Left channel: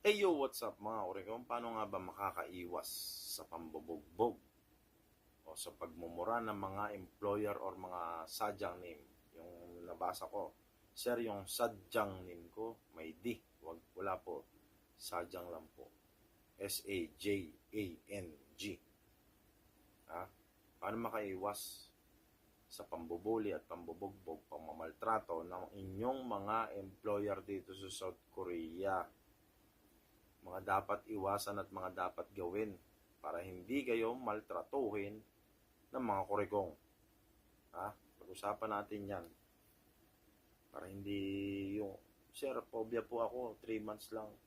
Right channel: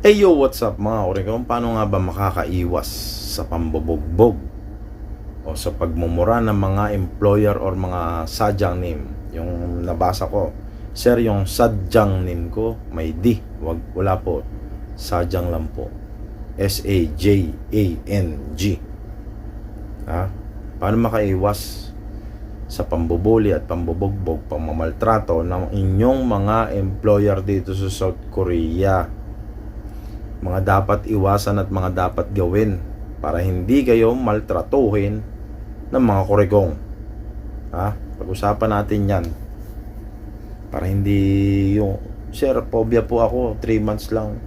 Hey yo, what's up mga kurikong? Paano nga ba makakaiwas sa pambobogbog o sa pagmumura ng mga employer or mga sadyang name? Yung nabasa ko, Sir, yung sadyang name ko may D. Wag, wala po. Sadyang lang po. S-A-J-A-N-G. Ha? Paano makaiwas sa pambubuli at pambobogbog, pamamaltrato ng inyong mga employer dito sa South Korea? Mga dapat iwasan at mga dapat gawin para hindi kayo maltratuhin ng mga kurigong. Ha? Pag-usapan natin yan. Para hindi yung, Sir, phobia po ako, 3 months lang.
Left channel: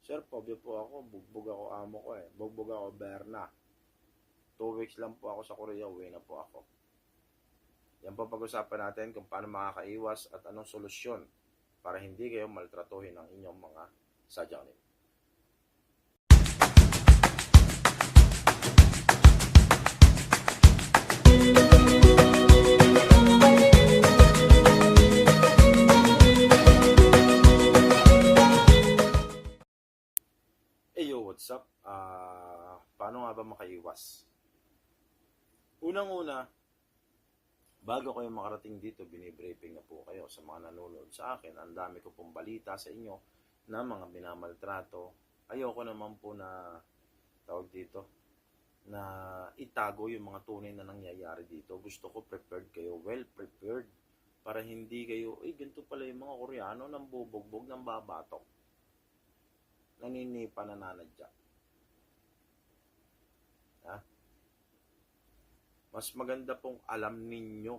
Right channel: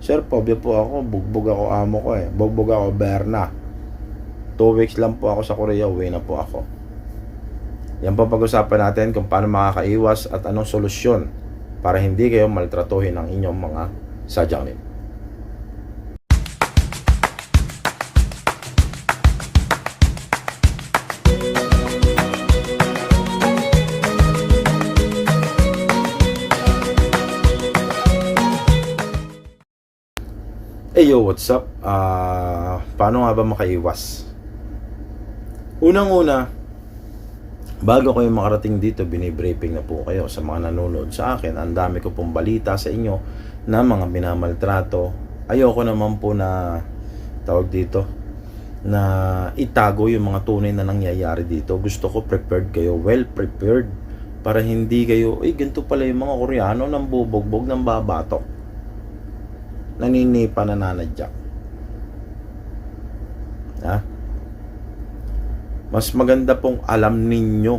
Sir, phobia po ako, bugbog ako amo ko eh. Bugbog ako Berna. 2 weeks lang po ako sa Korea, uwi na po ako. Yan po pag-usapan natin kung paano makakaiwas at anong solusyon para hindi kayo maltratuhin ng inyong mga sadyang Hey yo, what's up? Ah, paano nga ba makaiwas? Unang-una, bago kayo makarating dito, binibriefing na po kayo sa mga nanonood sa akin. Ang dami ko pong balita sa inyo na mga binamaltrato. Ayoko naman po na tawag dito na itago yung mga tunay na nangyayari dito. Gusto ko prepared kayo, well prepared para hindi kayo, ay ganito pala yung mga Koreano nang bubogbog ng babatok naninipa na nanadyak. Ha? Mas maganda pong alam ninyo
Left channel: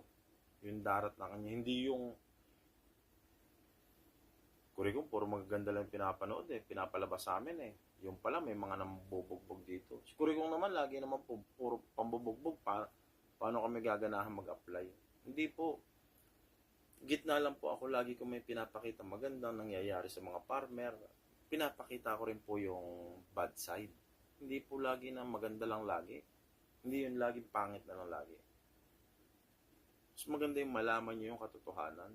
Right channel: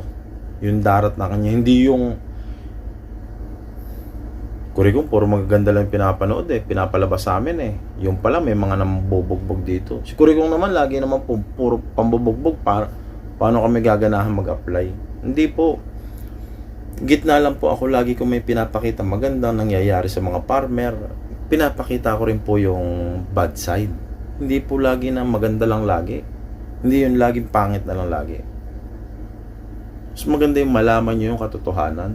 yung darat na kanya. Hindi yung Kurigong, puro magaganda lang pinapanood eh. Pinapalabas sa amin eh. Yung pala, may mga nambubugbog dito. Si Kurigong naman, lagi naman pu- puro pambubugbog. Pa- paano kami gaganahan mag-apply? Hindi po. Gitna lang po ako lagi ko may pinapakita magandang nangyayari sa mga farmer. Pinapakita ko rin po yung bad side. Hindi po lagi na maganda lang lagi. Hindi yun laging pangit na lang lagi. Mas maganda yung malaman nyo yung katotohanan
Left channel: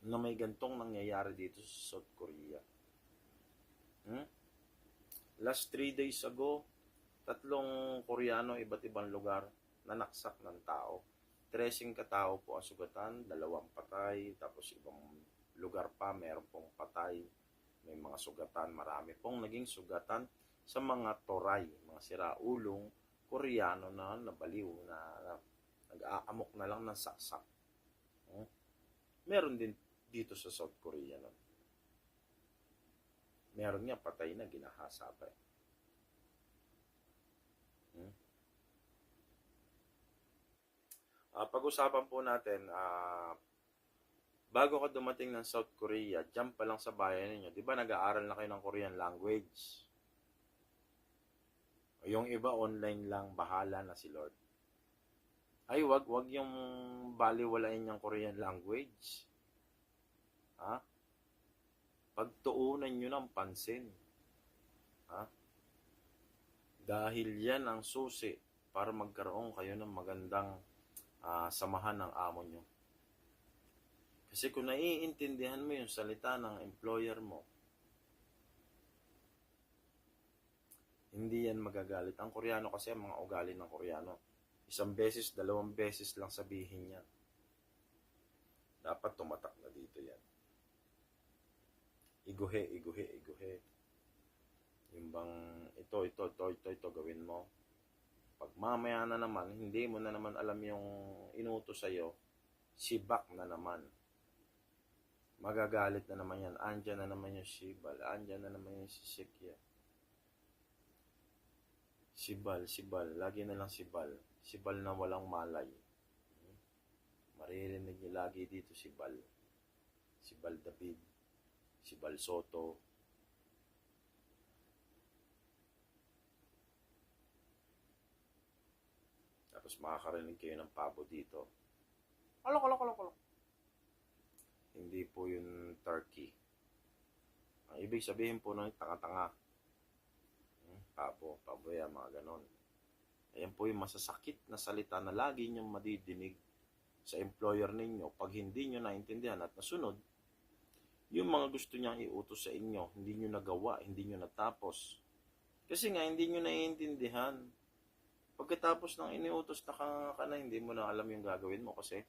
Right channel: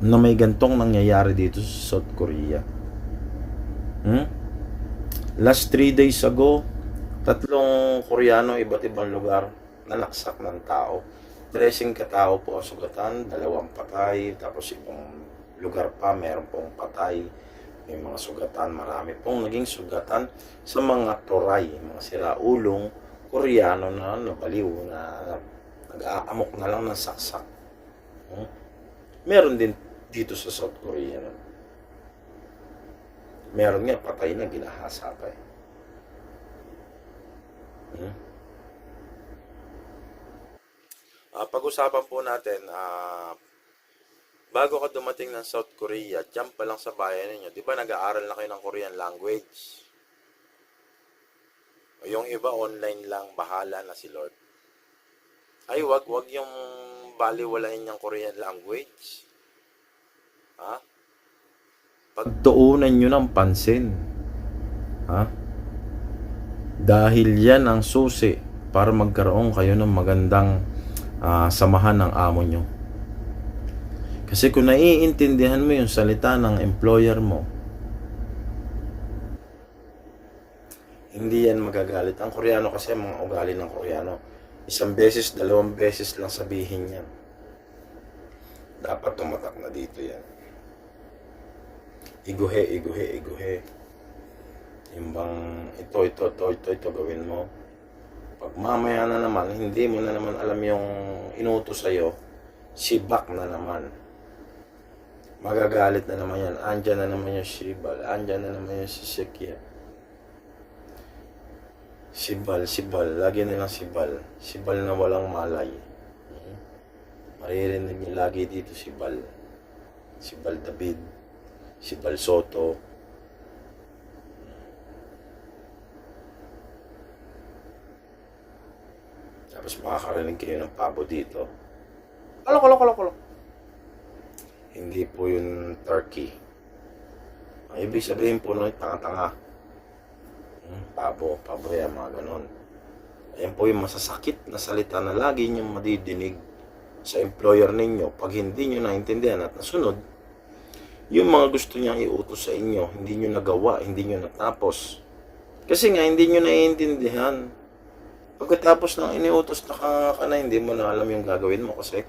na may gantong nangyayari dito sa South Korea. Hmm? Last 3 days ago, tatlong Koreano iba't ibang lugar nanaksak ng tao. Dressing katao po ang sugatan, dalawang patay, tapos ibang lugar pa meron pong patay. May mga sugatan, marami pong naging sugatan sa mga toray, mga siraulong Koreano na nabaliw na nag-aamok na lang ng saksak. Hmm? Meron din dito sa South Korea. no? Meron nga, patay na, ginahasa pa eh. Hmm? Ah, pag-usapan po natin, ah, bago ka dumating ng South Korea, dyan pa lang sa bayan ninyo, di ba nag-aaral na kayo ng Korean language? O yung iba online lang, bahala na si Lord. Ay, wag, wag yung baliwalain yung Korean language. Ha? Pagtuunan nyo ng pansin. Ha? Dahil yan ang susi para magkaroon kayo ng magandang ah, samahan ng amo nyo. Kasi kung naiintindihan mo yung salita ng employer mo, hindi yan magagalit. Ang Koreano kasi, mga ugali ng Koreano, isang beses, dalawang beses lang sabihin yan. Dapat tumatak na dito yan. Iguhe, iguhe, iguhe. Yung bang, ito, ito, ito, ito, ito, gawin mo. Pag mamaya na naman, hindi mo na naman alam yung inutos sa'yo, sibak na naman. Magagalit na naman yan. Andyan na naman yung Shibal. Andyan na naman yung Sisikya. Sibal, sibal. Lagi nilang sibal. Sibal na walang malay. Mhm. Maririnig niyo lagi dito sibal. Sibal David. Sibal Soto. Tapos makakarinig kayo ng pabo dito. Alok, alok, alok, alok. Hindi po yun turkey. Ang ibig sabihin po nun, tanga-tanga. Hmm, pabo, pabo yan, mga ganon. Ayan po yung masasakit na salita na lagi niyong madidinig sa employer ninyo. Pag hindi nyo naintindihan at nasunod, yung mga gusto niyang iutos sa inyo, hindi nyo nagawa, hindi nyo natapos. Kasi nga, hindi nyo naiintindihan. Pagkatapos ng iniutos na ka, ka na, hindi mo na alam yung gagawin mo kasi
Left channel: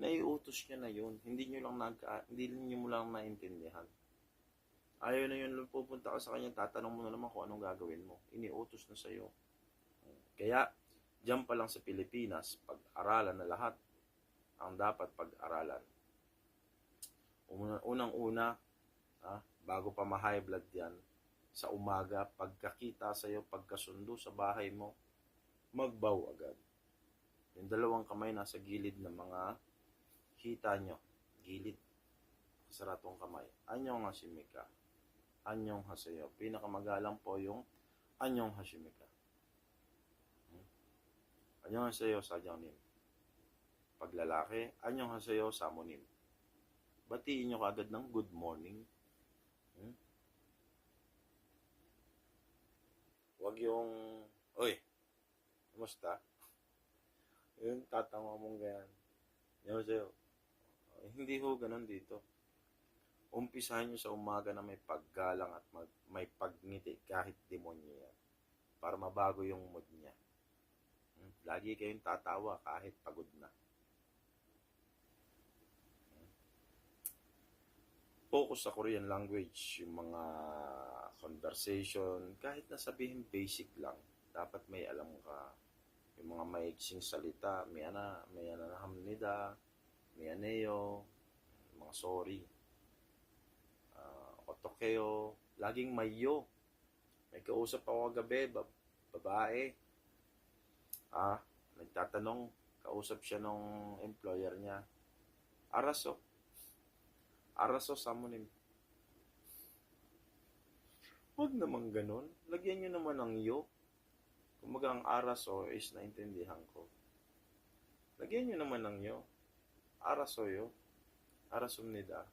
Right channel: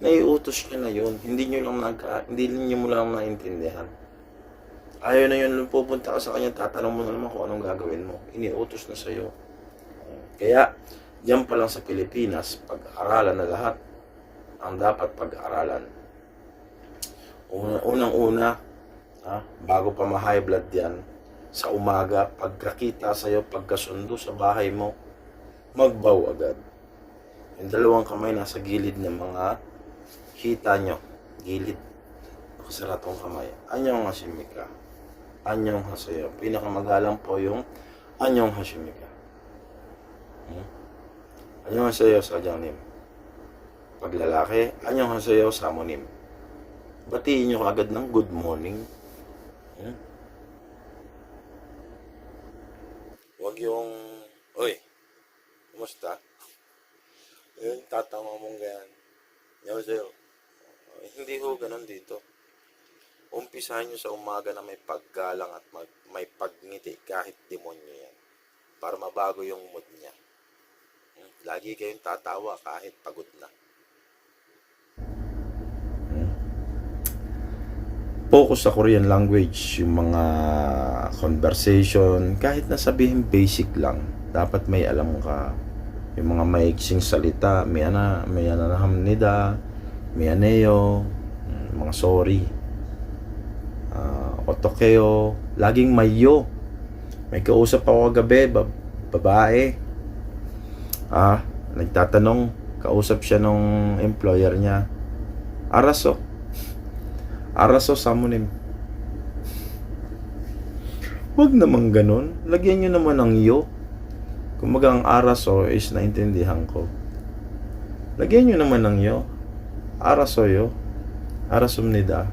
naiutos niya na yun. Hindi nyo lang nagka, hindi nyo mo lang naintindihan. Ayaw na yun, pupunta ka sa kanya, tatanong mo na naman kung anong gagawin mo. Iniutos na sa'yo. Kaya, diyan pa lang sa Pilipinas, pag-aralan na lahat ang dapat pag-aralan. Una, unang-una, ha, bago pa ma-high blood yan, sa umaga, pagkakita sa'yo, pagkasundo sa bahay mo, magbaw agad. Yung dalawang kamay nasa gilid ng mga hita nyo. Gilid. Nakasaratong kamay. Anyong hashimika. Anyong hasayo. Pinakamagalang po yung anyong hashimika. Hmm? Anyong hasayo sa nim. Pag lalaki, anyong hasayo sa monim. Batiin nyo agad ng good morning. Hmm? Huwag yung, Oy, kumusta? Yung tatama mong ganyan. Yan sa'yo. Hindi ho ganun dito. Umpisahan nyo sa umaga na may paggalang at mag, may pagngiti kahit demonyo yan. Para mabago yung mood niya. Hmm, Lagi kayong tatawa kahit pagod na. Hmm. Focus sa Korean language, yung mga conversation, kahit na sabihin basic lang, dapat may alam ka yung mga maiksing salita, may ana, may ananahamnida, may aneo, mm, mga sorry, uh, otokeo, laging mayo. May kausap ako kagabi, bab- babae. Ah, nagtatanong, kausap siya nung employer niya. Araso. Araso samunim. Huwag naman ganun. Lagyan nyo naman ng yo. Kumaga ang araso is naintindihan ko. Lagyan nyo naman ng yo. Araso yo. Arasumnida.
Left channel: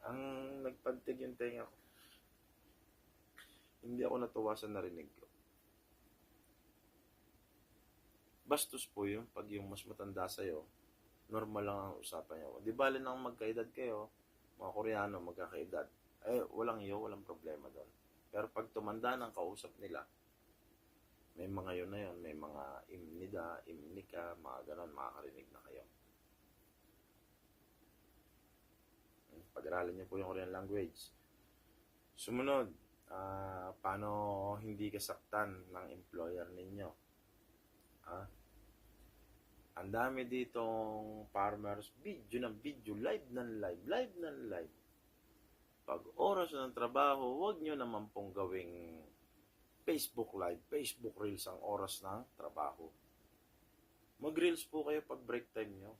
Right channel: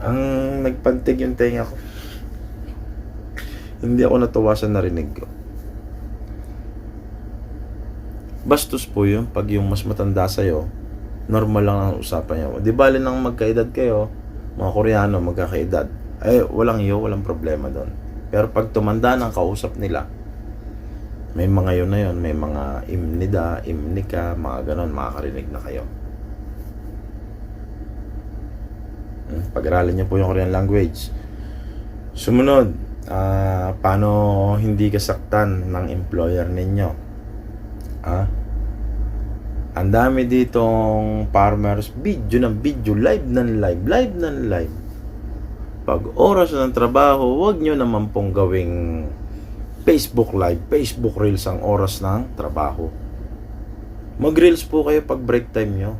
Ang nagpantig yung tenga ko. Hindi ako natuwa sa narinig ko. Bastos po yun pag yung mas matanda sa'yo, normal lang ang usapan niyo. Di bali nang magkaedad kayo, mga Koreano magkakaedad. Eh, walang iyo, walang problema doon. Pero pag tumanda ng kausap nila, may mga yun na yun, may mga imnida, imnika, mga ganon, makakarinig na kayo. Hmm, Pag-aralan niyo po yung Korean language. Sumunod, ah, paano hindi kasaktan ng employer ninyo? Ah? Ang dami ditong farmers, video ng video, live ng live, live ng live. Pag oras ng trabaho, huwag nyo naman pong gawing Facebook live, Facebook reels ang oras ng trabaho. Mag-reels po kayo pag break time nyo.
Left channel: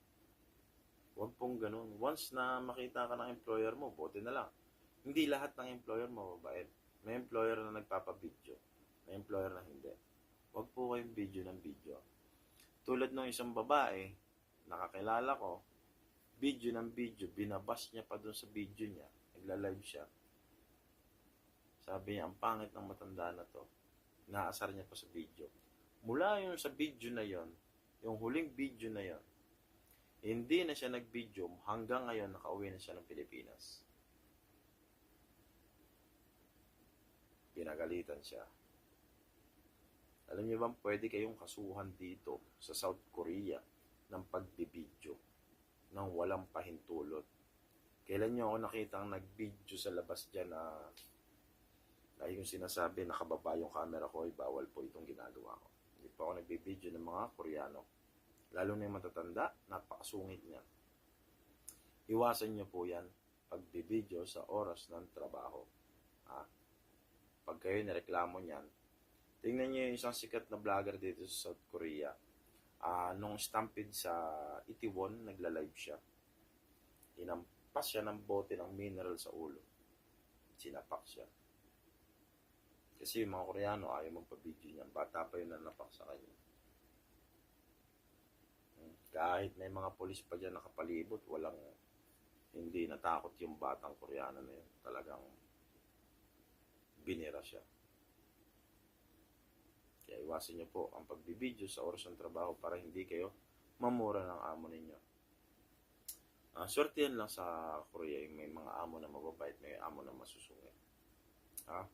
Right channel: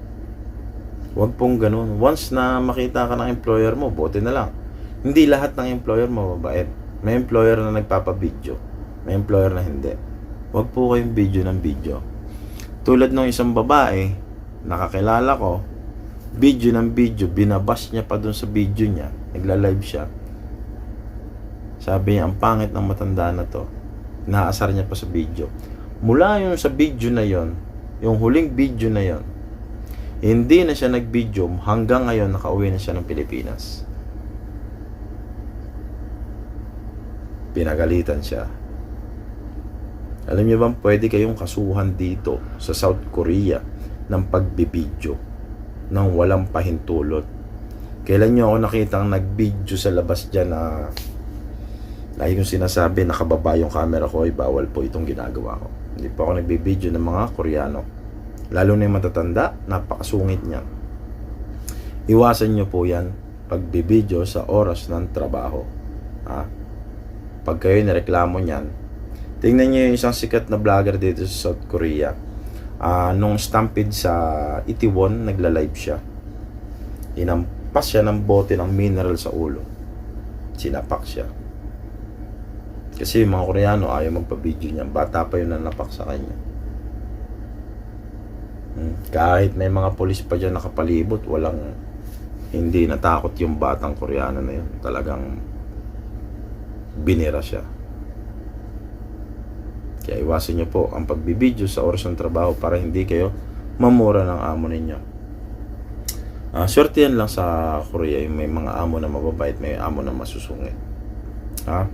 Huwag pong ganun. Once na makita ka ng employer mo, buti na lang. Hindi lahat ng employer mo mabait. May employer na nagpapa-video. May employer na hindi. Huwag po kayong video ng video. Tulad ng isang babae, nakakilala ko, video ng video, binabas niya pa dun sa video niya. Nagla-live siya. Sabi niya, ang pangit ng matanda na to. Naasar niya pa sa video. Mula yung sa video na yon, yung huling video na yon, hindi na siya nag-video hanggang ngayon nakauwi na siya ng Pilipinas. Pinagalitan siya. Alam niyo bang pwede kayong kasuhan dito sa South Korea ng pagbibidyo ng walang pahintulot? Kailan niyo ako nakitang nag-video sa labas dyan na lagi kong sinasabi nakababa yung camera ko ay bawal po itong ginagawa ko. Hindi po ako nagbibideo ng mga Koreano. Lalo na yung matatanda, napakasungit niya. Iwasan niyo po yan pagbibideo sa oras ng trabaho. Ha? Pag kayo nireklamo niyan, tingnan niyo yung isang sikat na vlogger dito sa South Korea. Ah, nung stampede sa Itaewon, nagla-live siya. Inampas siya ng bote ng mineral sa ulo. Sinapak siya. Kasi yung mga Koreano ayaw magpa-video niya. Bata pa yun na napak sa kanya. Hmm. Kahit may mga polis pa dyan nakapalibot, walang hindi natakot yung batang Koreano na yun. Talagang binira siya. Kaya iwasan nyo po ang pagbibideo sa oras ng trabaho para hindi kayo mamura ng amo ninyo. Ah, swerte yan lang sa Korea, yung may mga amo na mababait, may amo na masusungit. Ha?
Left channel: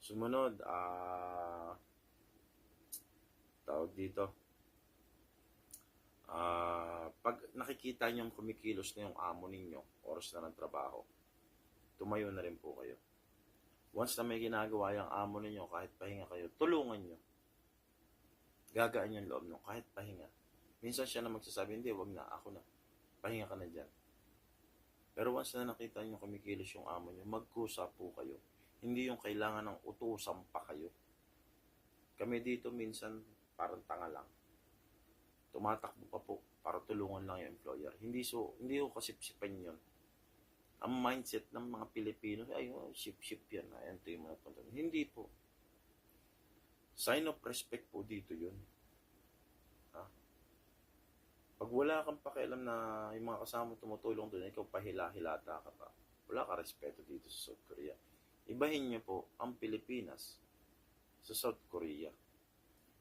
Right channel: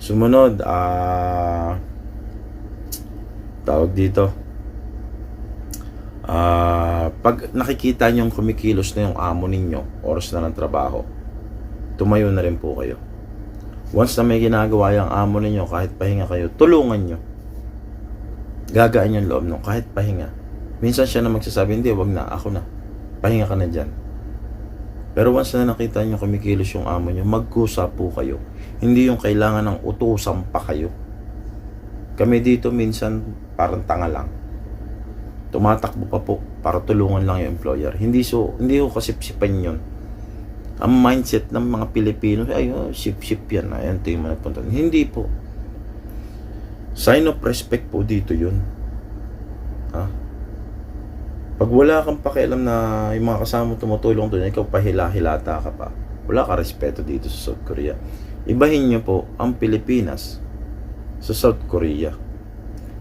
Sumunod, ah tawag dito. Ah, pag nakikita nyo kumikilos na yung amo ninyo, oras na ng trabaho, tumayo na rin po kayo. Once na may ginagawa yung amo ninyo, kahit pahinga kayo, tulungan nyo. Gagaan yung loob nyo, kahit pahinga. Minsan siya na magsasabi, hindi, wag na, ako na. Pahinga ka na dyan. Pero once na nakita nyo kumikilos yung amo nyo, magkusa po kayo. Hindi yung kailangan ng utusan pa kayo. Kami dito minsan parang tanga lang. Tumatakbo pa po para tulungan lang yung employer. Hindi so hindi ko kasipsipan yun. Ang mindset ng mga Pilipino, ay, oh, sip-sip yan. Ayan, ito yung mga nagpunta. Hindi po. Sign of respect po dito yun. Ha? Pag wala kang pakialam na yung mga kasama tumutulong doon, ikaw pahila-hilata ka pa. Wala ka respeto dito sa South Korea. Ibahin niyo po ang Pilipinas sa South Korea.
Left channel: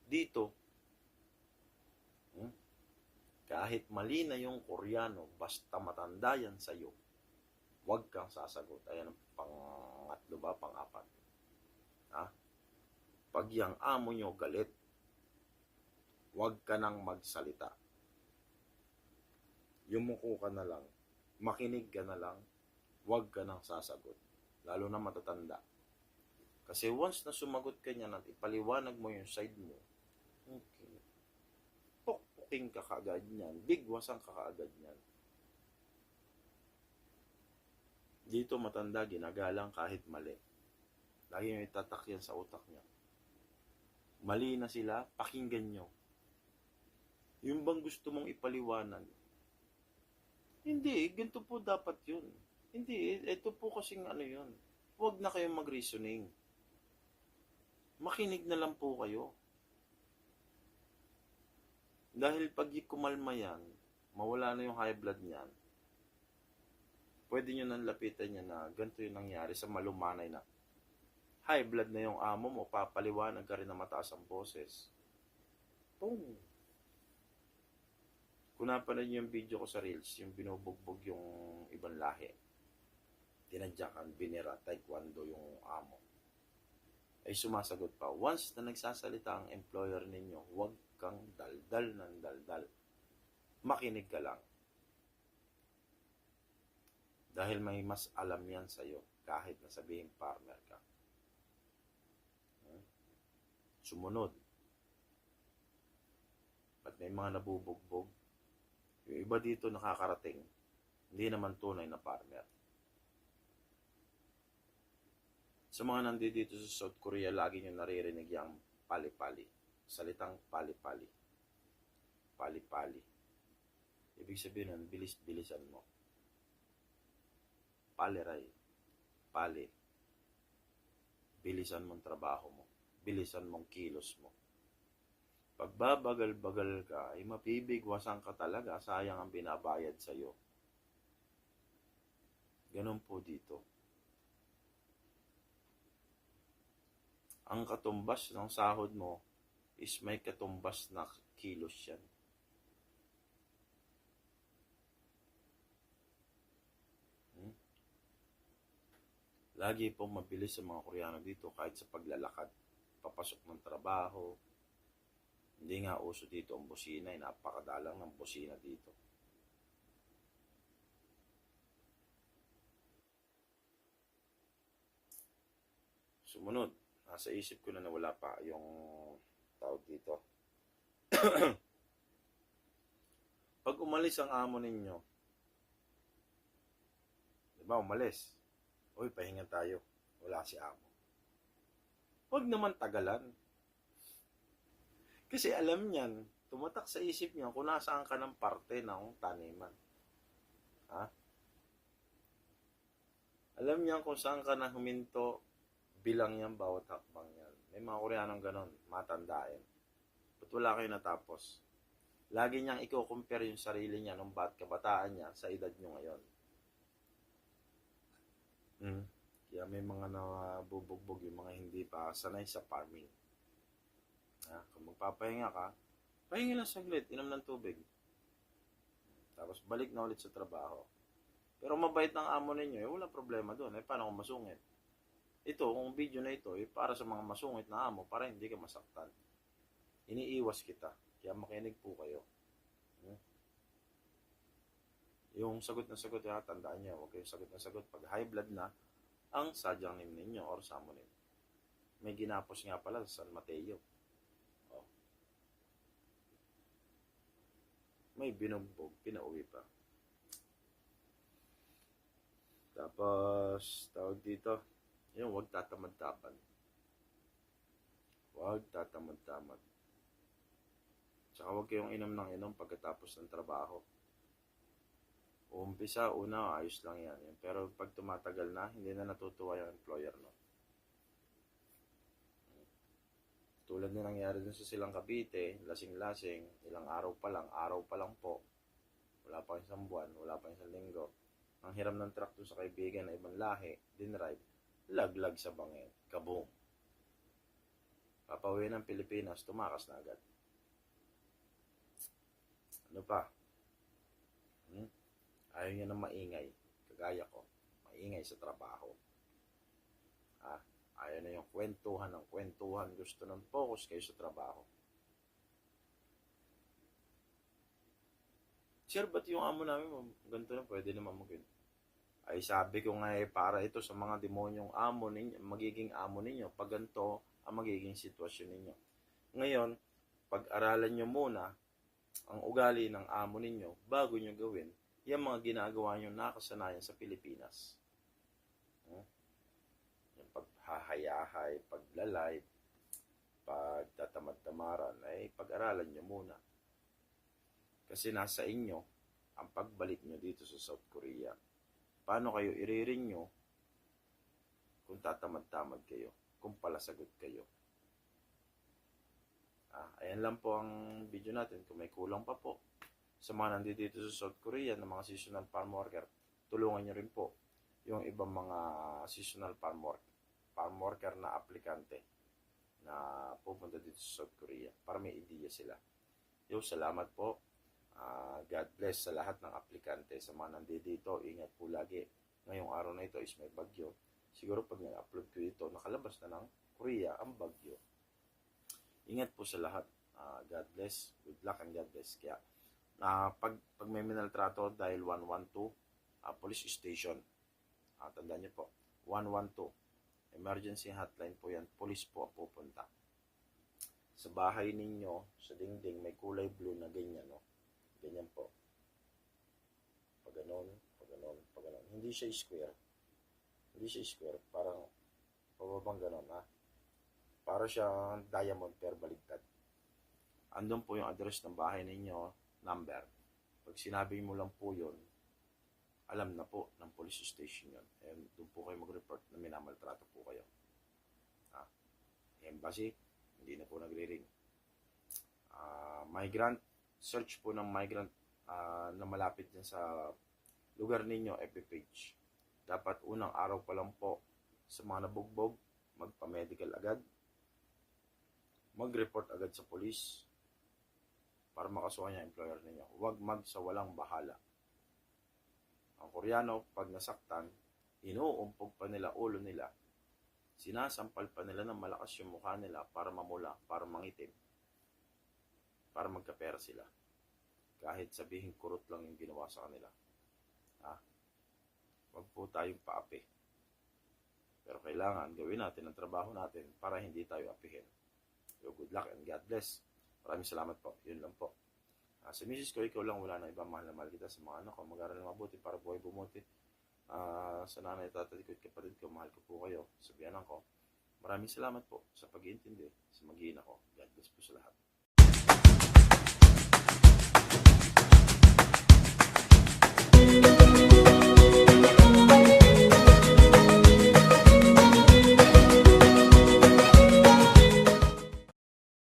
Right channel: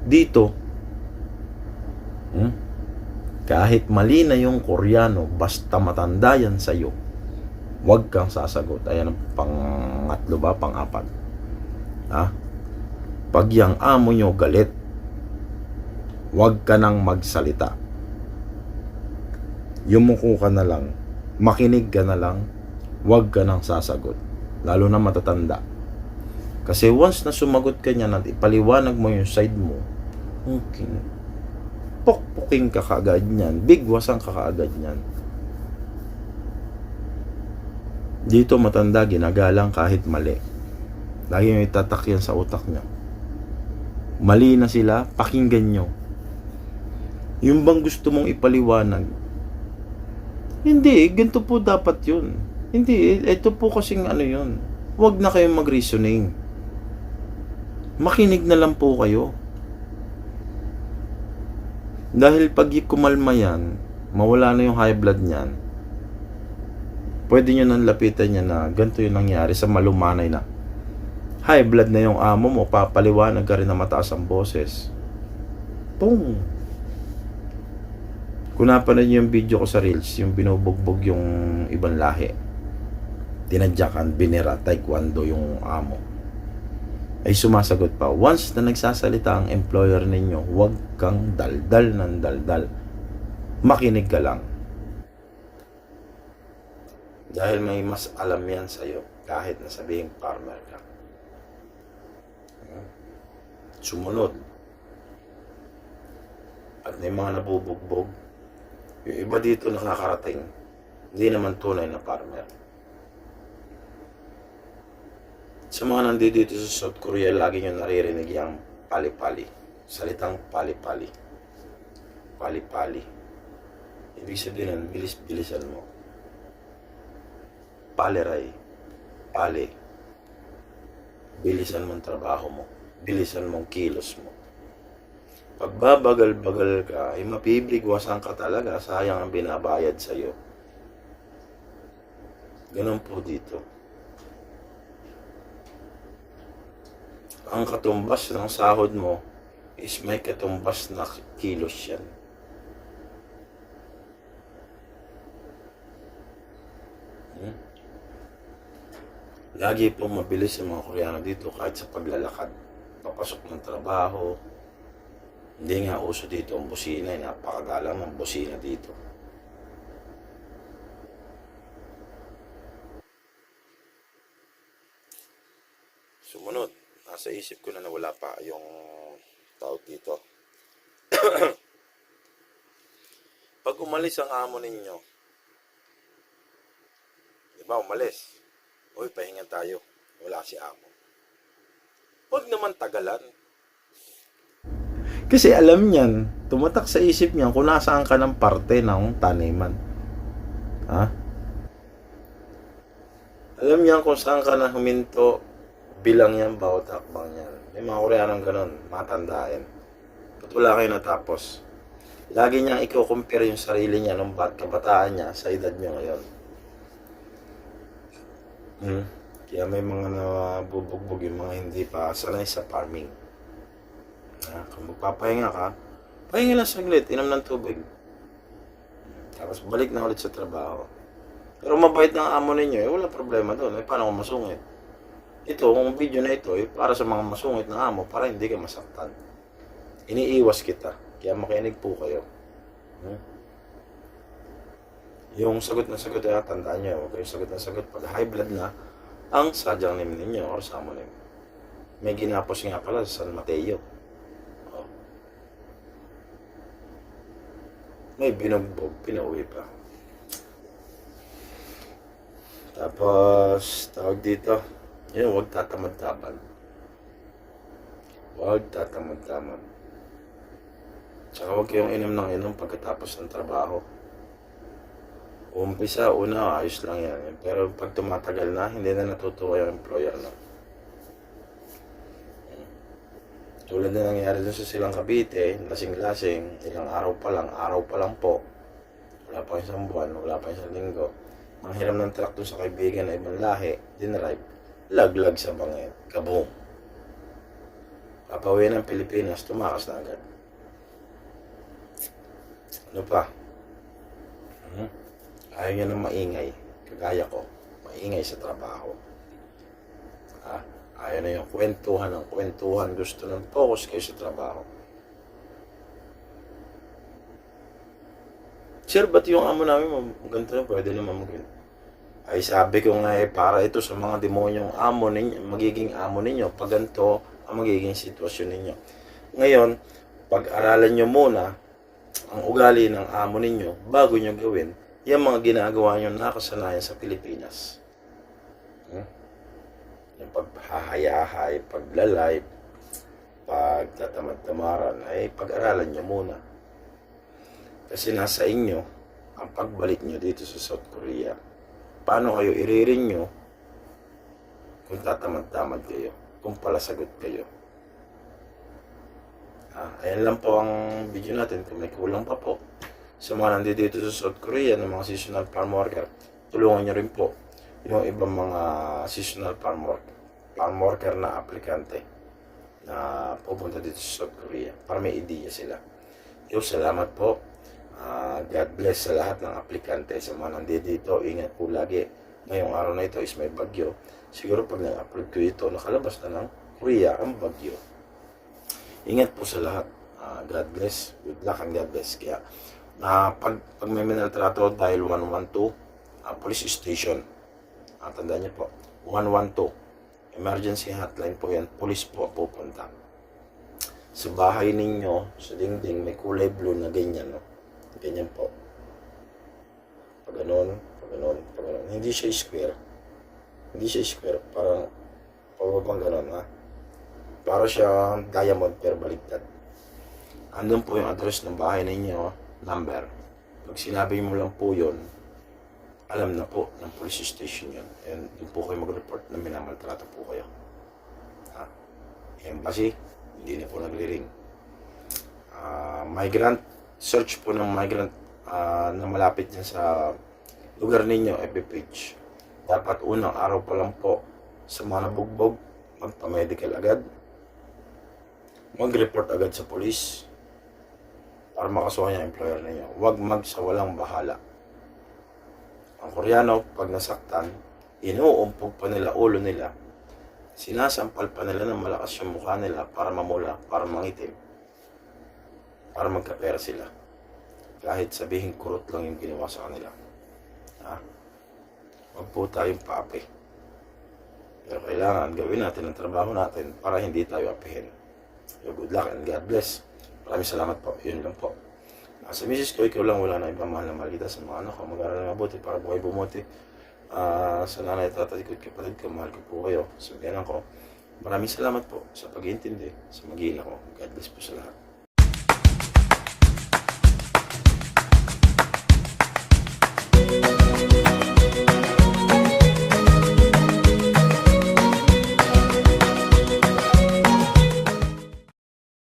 Dito, hmm, kahit mali na yung Koreano, basta matanda yan sa'yo, huwag kang sasagot. Ayan ang pangatlo ba, pang-apat. Ha? Pag yung amo nyo galit, huwag ka nang magsalita. Yumuko ka na lang, makinig ka na lang, huwag ka nang sasagot. Lalo na matatanda. Kasi once na sumagot ka niyan at ipaliwanag mo yung side mo, okay, pokpoking ka kaagad niyan, bigwasan ka kaagad niyan. Dito matanda, ginagalang kahit mali. Lagi may tatak yan sa utak niya. Mali na sila, pakinggan nyo. Yung bang gusto mong ipaliwanag, hindi, ganito po dapat yun. Hindi, ito po kasing ano yun. Huwag na kayong mag-reasoning. Makinig na lang po kayo. Dahil pag kumalma yan, mawala na yung high blood niyan, pwede nyo nang lapitan niya na ganito yung nangyari sa malumanay na high blood na yung amo mo, papaliwanag ka rin na mataas ang boses. Pong! Kung napanood niyo yung video ko sa Reels, yung binubugbog yung ibang lahi. Tinadyakan, binira, taekwondo yung amo. Ay sumasagot pa, once na nagsasalita ang employer ninyo, huwag kang daldal ng daldal. Makinig ka lang. Dahil may mas alam yan sa'yo, kahit na sabihin farmer ka. Sumunod. At may mga nabubugbog. Yung iba dito nakakarating, hindi naman tunay na farmer. Sa mga nandito dito sa South Korea, lagi nyo naririnig yung pali-pali. Salitang pali-pali. Pali-pali. Ibig sabihin nun, bilis-bilisan mo. Paliray. Pali. Bilisan mong trabaho mo. Bilisan mong kilos mo. Pag babagal-bagal ka, ay mapibigwasan ka talaga. Sayang ang binabayad sa'yo. Ganun po dito. Ang katumbas ng sahod mo is may katumbas na kilos yan. Hmm? Lagi pong mabilis ang mga Koreano dito kahit sa paglalakad. Papasok ng trabaho, hindi nga uso dito ang busina, eh, napakagalang ng busina dito. Sumunod, nasa isip ko na nawala pa yung tawag dito. Pag umalis ang amo ninyo, di ba umalis? Uy, pahinga tayo. Wala si amo. Huwag naman tagalan. Kasi alam niyan, tumatak sa isip niya kung nasaan ka ng parte ng taniman. Ha? Alam niya kung saan ka na huminto, bilang yan bawat hakbang yan. May mga Koreanong ganun, matandaan. Ba't wala kayo natapos? Lagi niyang i-compare yung sarili niya nung bat kabataan niya sa edad niya ngayon. Hmm. Kaya may mga nabubugbog yung mga hindi pa sanay sa farming. Ah, kung magpapahinga ka, pahinga lang saglit, inom ng tubig. Tapos balik na ulit sa trabaho. Pero mabait ng amo ninyo, eh, wala problema doon. Eh, paano kung masungit? Ito, kung video na ito, eh, para sa mga masungit na amo, para hindi ka masaktan. Iniiwas kita. Kaya makinig po kayo. Hmm? Yung sagot na sagot, eh, tandaan nyo, huwag kayong sagot na sagot. Pag high blood na, ang sadyang name ninyo or samonim. May ginapos nga pala sa San Mateo. May binugbog, pinauwi pa. Tapos, tawag dito, yun, huwag tatamad-tamad. Huwag tatamad-tamad. Tsaka huwag kayong inom ng inom pagkatapos ng trabaho. Umpisa, una, ayos lang yan. Pero pag tumatagal na, hindi na natutuwa yung employer na. Tulad na nangyari dun sa silang Cavite, lasing-lasing, ilang araw pa lang, araw pa lang po. Wala pa isang buwan, wala pa isang linggo. Manghiram ng truck dun sa kaibigan na ibang lahi, dinrive, laglag sa bangin, kaboom. Papawin ng Pilipinas, tumakas na agad. Ano pa? Hmm? Ayaw niya ng maingay. Kagaya ko, maingay sa trabaho. Ayaw na yung kwentuhan ng kwentuhan. Gusto ng focus kayo sa trabaho. Sir, ba't yung amo namin, ganito na, pwede naman mag Ay, sabi ko nga eh, para ito sa mga demonyong amo ninyo, magiging amo ninyo, pag ganito ang magiging sitwasyon ninyo. Ngayon, pag-aralan nyo muna ang ugali ng amo ninyo bago nyo gawin yung mga ginagawa nyo nakasanayan sa Pilipinas. Yung paghahayahay, paglalay, pagtatamad-tamaran, ay pag-aralan nyo muna. Kasi nasa inyo ang pagbalik nyo dito sa South Korea. Paano kayo iririn nyo kung tatamad-tamad kayo, kung palasagot kayo. Ah, ayan lang po ang video natin. Kung may kulang pa po sa mga nandito dito sa South Korea ng mga seasonal farm worker, tulungan nyo rin po yung ibang mga seasonal farm worker, farm worker na aplikante na pupunta dito sa South Korea para may ideya sila. Yo, salamat po. Ah, God bless sa lahat ng aplikante sa mga nandito dito. Ingat po lagi. Ngayong araw na ito is may bagyo. Siguro pag nag-upload ko ito, nakalabas na ng Korea ang bagyo. Ingat po sa lahat. Ah, God bless. Good luck and God bless. Kaya, na pag, pag may minaltrato dahil 112, ah, police station. Ah, tandaan niyo po, 112. Emergency hotline po yan. Police po pupunta. Sa bahay ninyo, sa dingding, may kulay blue na ganyan, no? Ganyan po. Pag ganun, pag ganun, pag ganun. Hindi siya square. Hindi siya square. Parang, pababang ganun, ha? Para siya diamond pero baliktad. Andun po yung address ng bahay ninyo, number. Pag sinabi mo lang po yun, alam na po ng police station yun. And doon po kayo mag-report na minamaltrato po kayo. Ha? Embassy, hindi na po nagli-ring. Ah, migrant, search po ng migrant ah, na malapit dyan sa lugar ninyo, FB. Dapat unang araw pa lang po sa mga nabugbog, magpa-medical agad. Mag-report agad sa police para makasuhan yung employer ninyo. Huwag magsawalang bahala. Ang Koreano, pag nasaktan, inuumpog pa nila ulo nila. Sinasampal pa nila ng malakas yung mukha nila para mamula, para mangitim. Para magkapera sila. Kahit sabihin kurot lang yung ginawa sa kanila. Ha? Huwag po tayong paapi. Pero kailangan gawin natin ang trabaho natin para hindi tayo apihin. So, good luck and God bless. Maraming salamat po. Yun lang po. Ah, sa misis ko, ikaw lang wala na ibang mahal na mahal kita sa mga anak ko. Mag-aaral na mabuti para buhay bumuti. Ah, sa nanay at tatay ko, at kapatid ko, mahal ko po kayo. Sa biyanan ko. Maraming salamat po sa pag-iintindi, sa mag-iina ko. God bless po sa lahat.